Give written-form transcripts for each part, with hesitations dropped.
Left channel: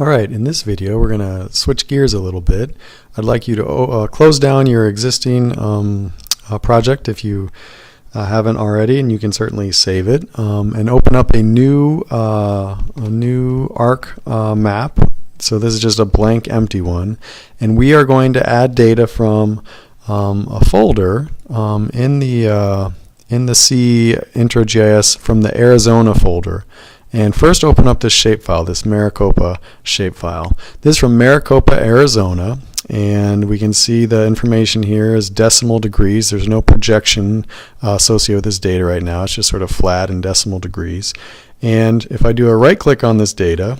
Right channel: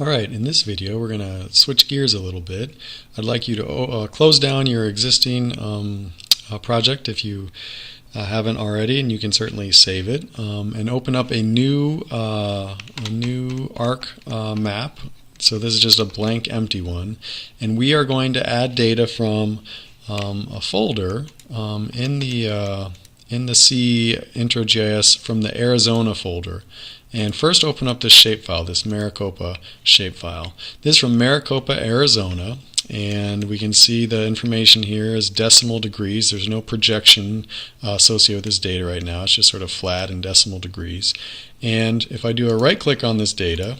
Alright, in this video we're going to switch gears a little bit. I'd like you to close down your existing project if you haven't already, and you can certainly save it, and open up a new ARC map. So this is just a blank empty one, and we are going to add data from a folder in the C intro.js from the Arizona folder. And first open up this shapefile, this Maricopa shapefile. This is from Maricopa, Arizona, and we can see the information here is decimal degrees. There's no projection associated with this data right now. It's just sort of flat in decimal degrees. And if I do a right click on this data,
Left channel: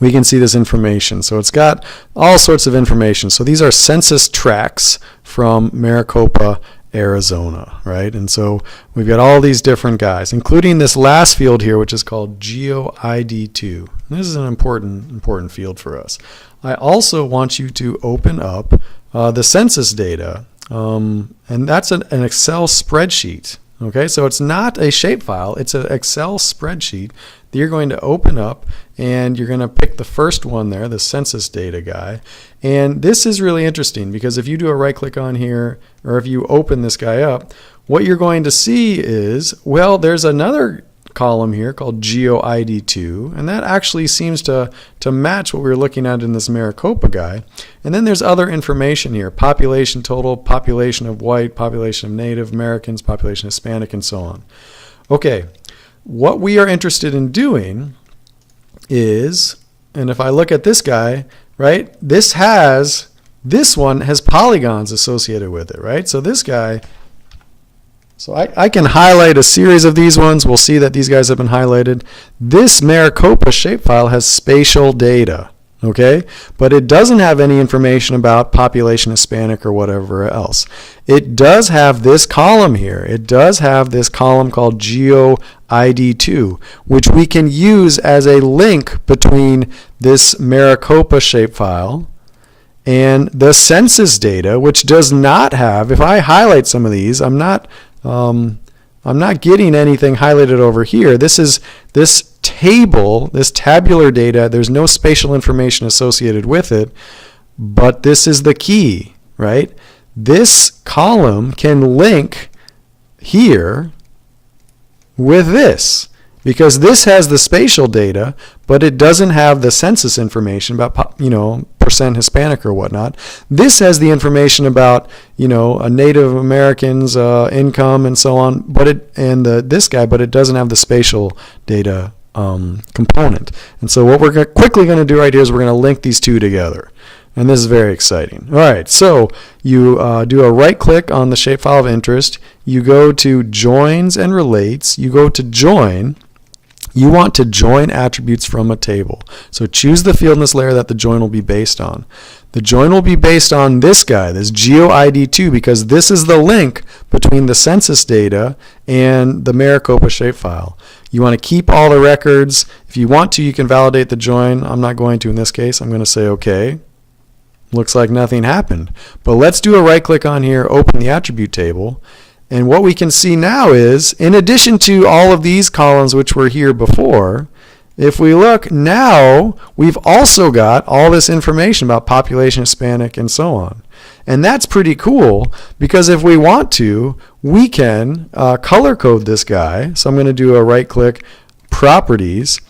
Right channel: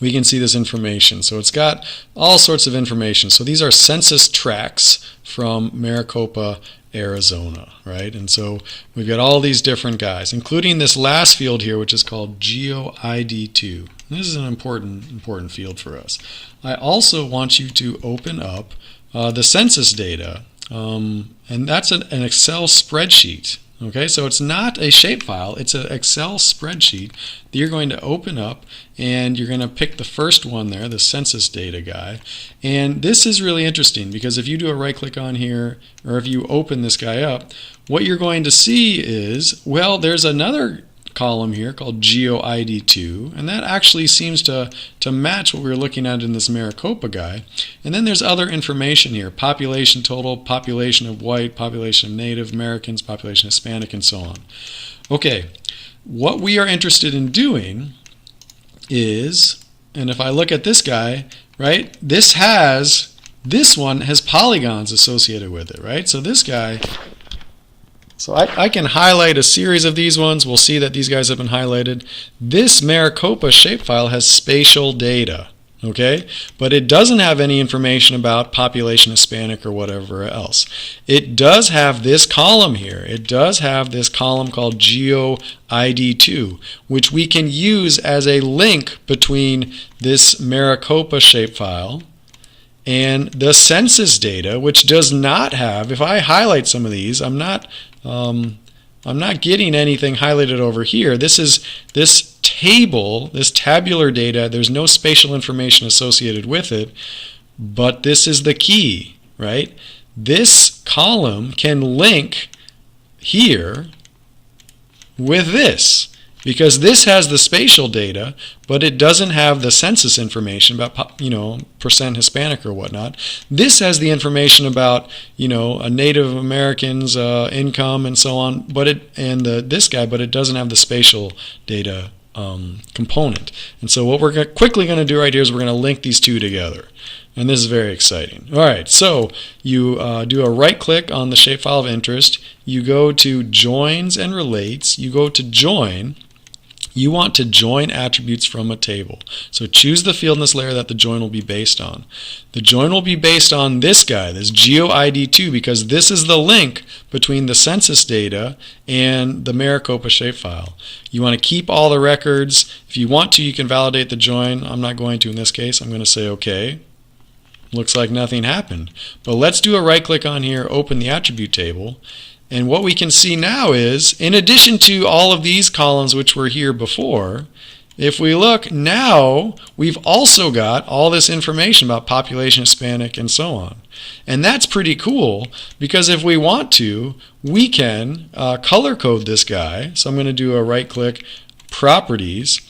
we can see this information. So it's got all sorts of information. So these are census tracts from Maricopa, Arizona, right? And so we've got all these different guys, including this last field here, which is called GeoID2. This is an important field for us. I also want you to open up the census data, and that's an Excel spreadsheet. Okay, so it's not a shapefile, it's an Excel spreadsheet that you're going to open up, and you're going to pick the first one there, the census data guy. And this is really interesting because if you do a right click on here, or if you open this guy up, what you're going to see is, well, there's another column here called GeoID2, and that actually seems to match what we were looking at in this Maricopa guy. And then there's other information here: population total, population of white, population of Native Americans, population Hispanic, and so on. Okay, what we are interested in doing is, and if I look at this guy, right, this one has polygons associated with it, right? So this guy, so I can highlight a series of these ones. We'll see that these guys have been highlighted. This Maricopa shapefile has spatial data, okay? But it doesn't have any information about population Hispanic or whatever else. It does have this column here. It does have this column called GeoID2, which we can use as a link between this Maricopa shapefile and the census data, which does not have, if I highlight some of these, I'm not getting anything highlighted over here. This table, this tabular data, there's no spatial information associated with it, but this is the key, right? This column can link here with this, because this has the spatial data, but it doesn't have the census information about, percent Hispanic or whatnot. This has the information about, Native Americans, income, and so on, but this guy, but it doesn't have the spatial data component. And so what we're quickly going to do right here is we're going to link these two together. And this is very exciting. All right, so you do a right click on the shapefile of interest. You go to joins and relates. You go to join. You want to join attributes from a table. So choose the field in this layer that the join will be based on. The join will be based on this guy, this GeoID2, because this is the link between the census data and the Maricopa shapefile. You want to keep all the records. If you want to, you can validate the join. I'm not going to in this case. I'm going to say OK. Looks like nothing happened. But let's do a right click on here, open the attribute table. And what we can see now is, in addition to all of these columns which were here before, if we look now, we've also got all this information about population Hispanic and so on. And that's pretty cool, because if we want to, we can color code this guy. So I'm going to do a right click, properties,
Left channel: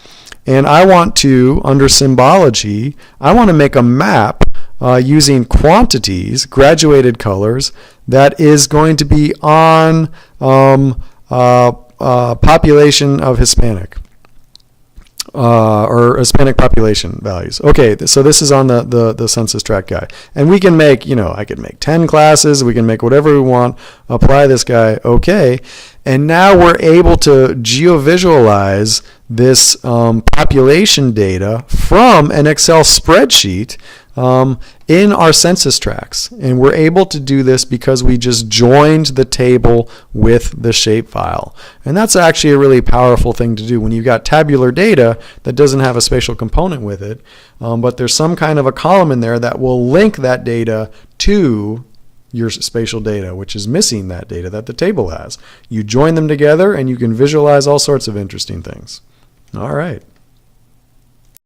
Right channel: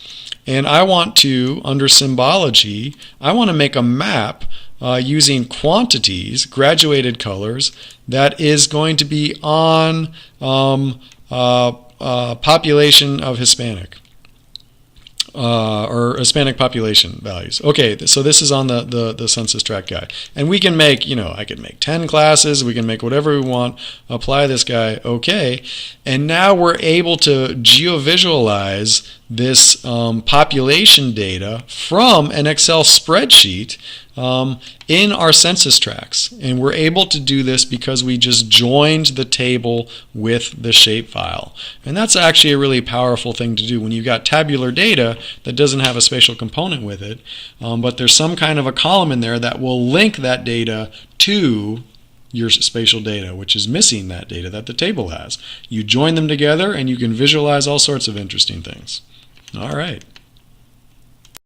and I want to, under symbology, I want to make a map using quantities, graduated colors, that is going to be on population of Hispanic, or Hispanic population values. Okay, so this is on the census tract guy. And we can make, I could make 10 classes, we can make whatever we want, apply this guy, okay. And now we're able to geovisualize this population data from an Excel spreadsheet in our census tracts. And we're able to do this because we just joined the table with the shapefile. And that's actually a really powerful thing to do when you've got tabular data that doesn't have a spatial component with it, but there's some kind of a column in there that will link that data to your spatial data, which is missing that data that the table has. You join them together and you can visualize all sorts of interesting things. All right.